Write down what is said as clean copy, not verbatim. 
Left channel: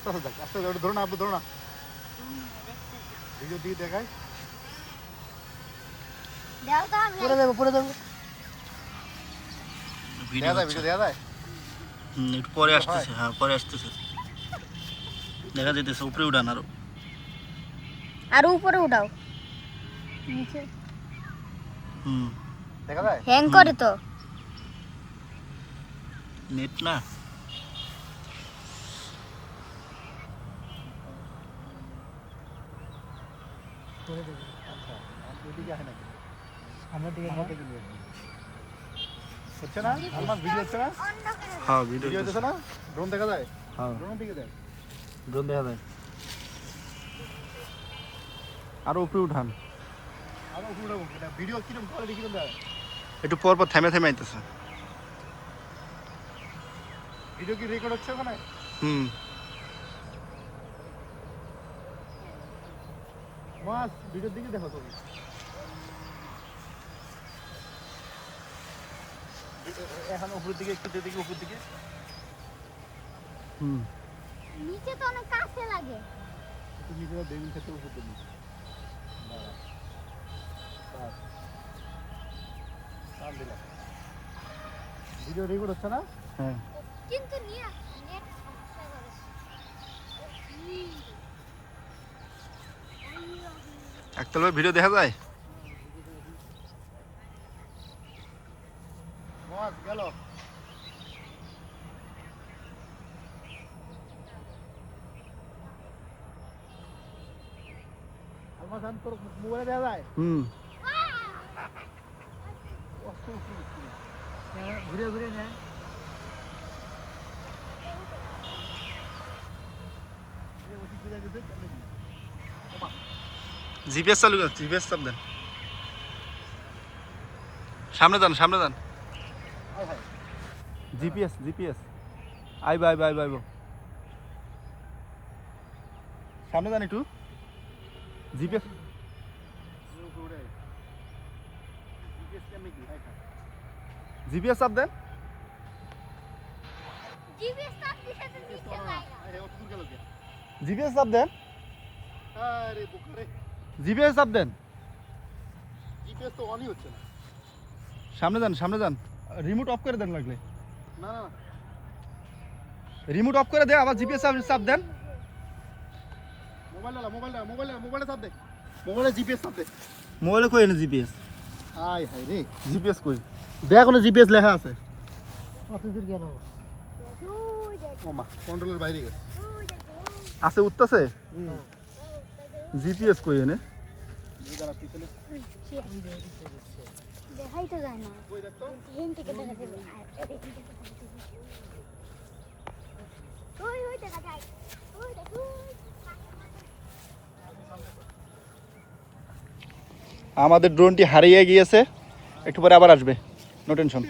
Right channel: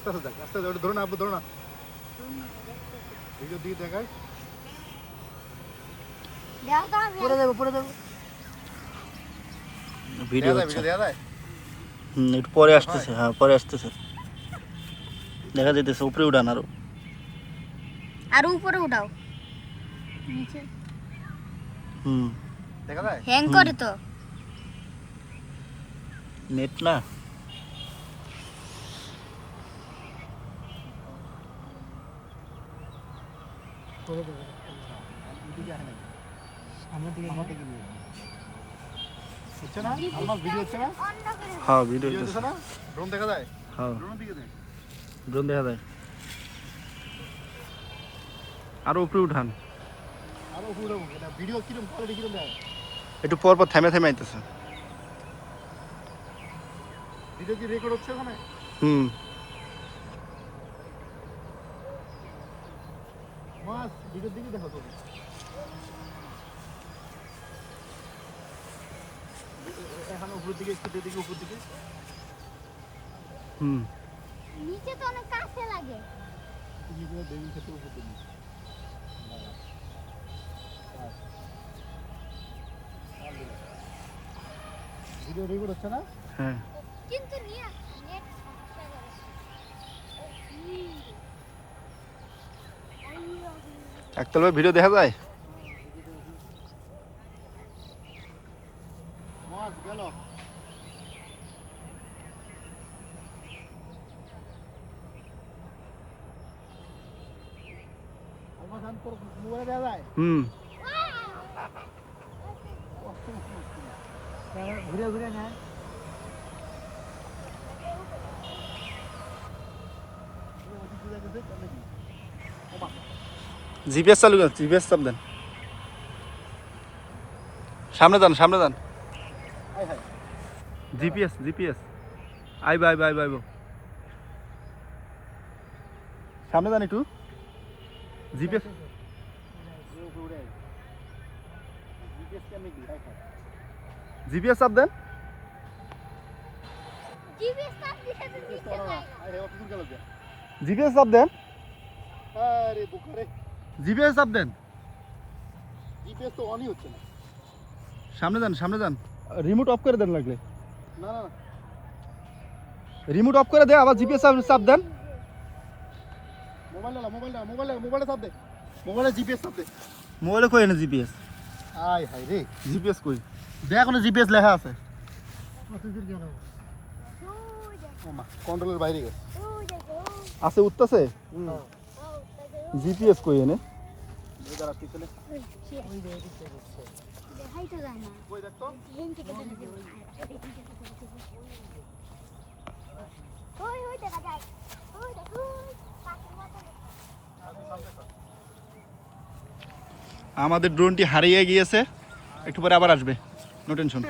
আস্তে আস্তে দেখ, আস্তে আস্তে ধরো না, আব্বু ধরো না। ভিডিও দিয়ে দেখাই। দাও তো আমি পরে দেবো। ভিডিও ভিডিও দেয়া যায়। একটু পরে আসতেছে, হ্যাঁ পরে আসতেছে, দেখা যাইতেছে উপরে উড়ান আরো। আর উপরে উঠাও নিচে দেখা যায়? হ্যাং করে তো নেট না করে দেবো। এদিকে আসে না। আমার দিকে নিয়ে আসবি। হচ্ছে না? আমার ভিডিও হচ্ছে না? হ্যাঁ ভিডিও ভিডিও হচ্ছে না? ড্রোন দেখা যায়? হ্যাঁ ড্রোনের দিকে দেখ। ড্রোন দেখা যায়। আরো উপরে উঠান, আরো উপরে উঠাবো। এটা ভিডিও কিরকম কোয়ালিটি কিরকম দেয়? একটু পর পর থেমে থেমে আইতেছে। ভিডিও কি রেকর্ড হচ্ছে ওখানে? মাস ভিডিওর দিকে দেখো তুমি। এখন উপর দিকে একটু দিকে উপর দিকে। নিচে তো অনেক কাছে লাগে তুমি যেটা দেবী খেতে উপর দিকে। ভিডিও রেকর্ড হচ্ছে না? হ্যাঁ কিন্তু নেট সমস্যা করে একতলা ভিডিও দেখা যায়। মাস গেল। আলমাস আন তোর মোবাইলে দেখা যায়? ঘুরে ঘুরে নেয়। জিপিএস চালু করেন, জিপিএস চাপ দেন, সামনে যান সামনে যান। জিপিএস জিপিএস আইব আইব আইব আইব, সামনে যান একটু। জিপিএস জিপিএস চাপ দেন। জিপিএস তো নিচে যায় জিপিএস চাপ দেন, আরে দুপুরে জিপিএস চাপ দেন। জিপিএস তো অনই হচ্ছে না। সামনে যান সামনে যান, রিমোট অফ করে দেন লাগলে। না না রিমোট অফ করে দে, আবার জিপিএস চাপ দেন। মোবাইলে চাপ দে। মোবাইলে জিপিএস চাপ দে। মোবাইলে কই না জিপিএস? আয় হায় রে, জিপিএস কই? দেখ কোনো জিপিএস লেখা আছে। ও মা, কন্ট্রোলের বাইরে গেছে। আছে উঠতেছে। জিপিএস কই এনে? যারা পিছনে দেখাই তো যায় না কই দেখতো? হিন থেকে দেখা যায় ওই দেখা যায় ওই দেখো আমাদের ড্রোনটি হারিয়ে গিয়েছে, একটু পরে আবার আসবে, নো টেনশন।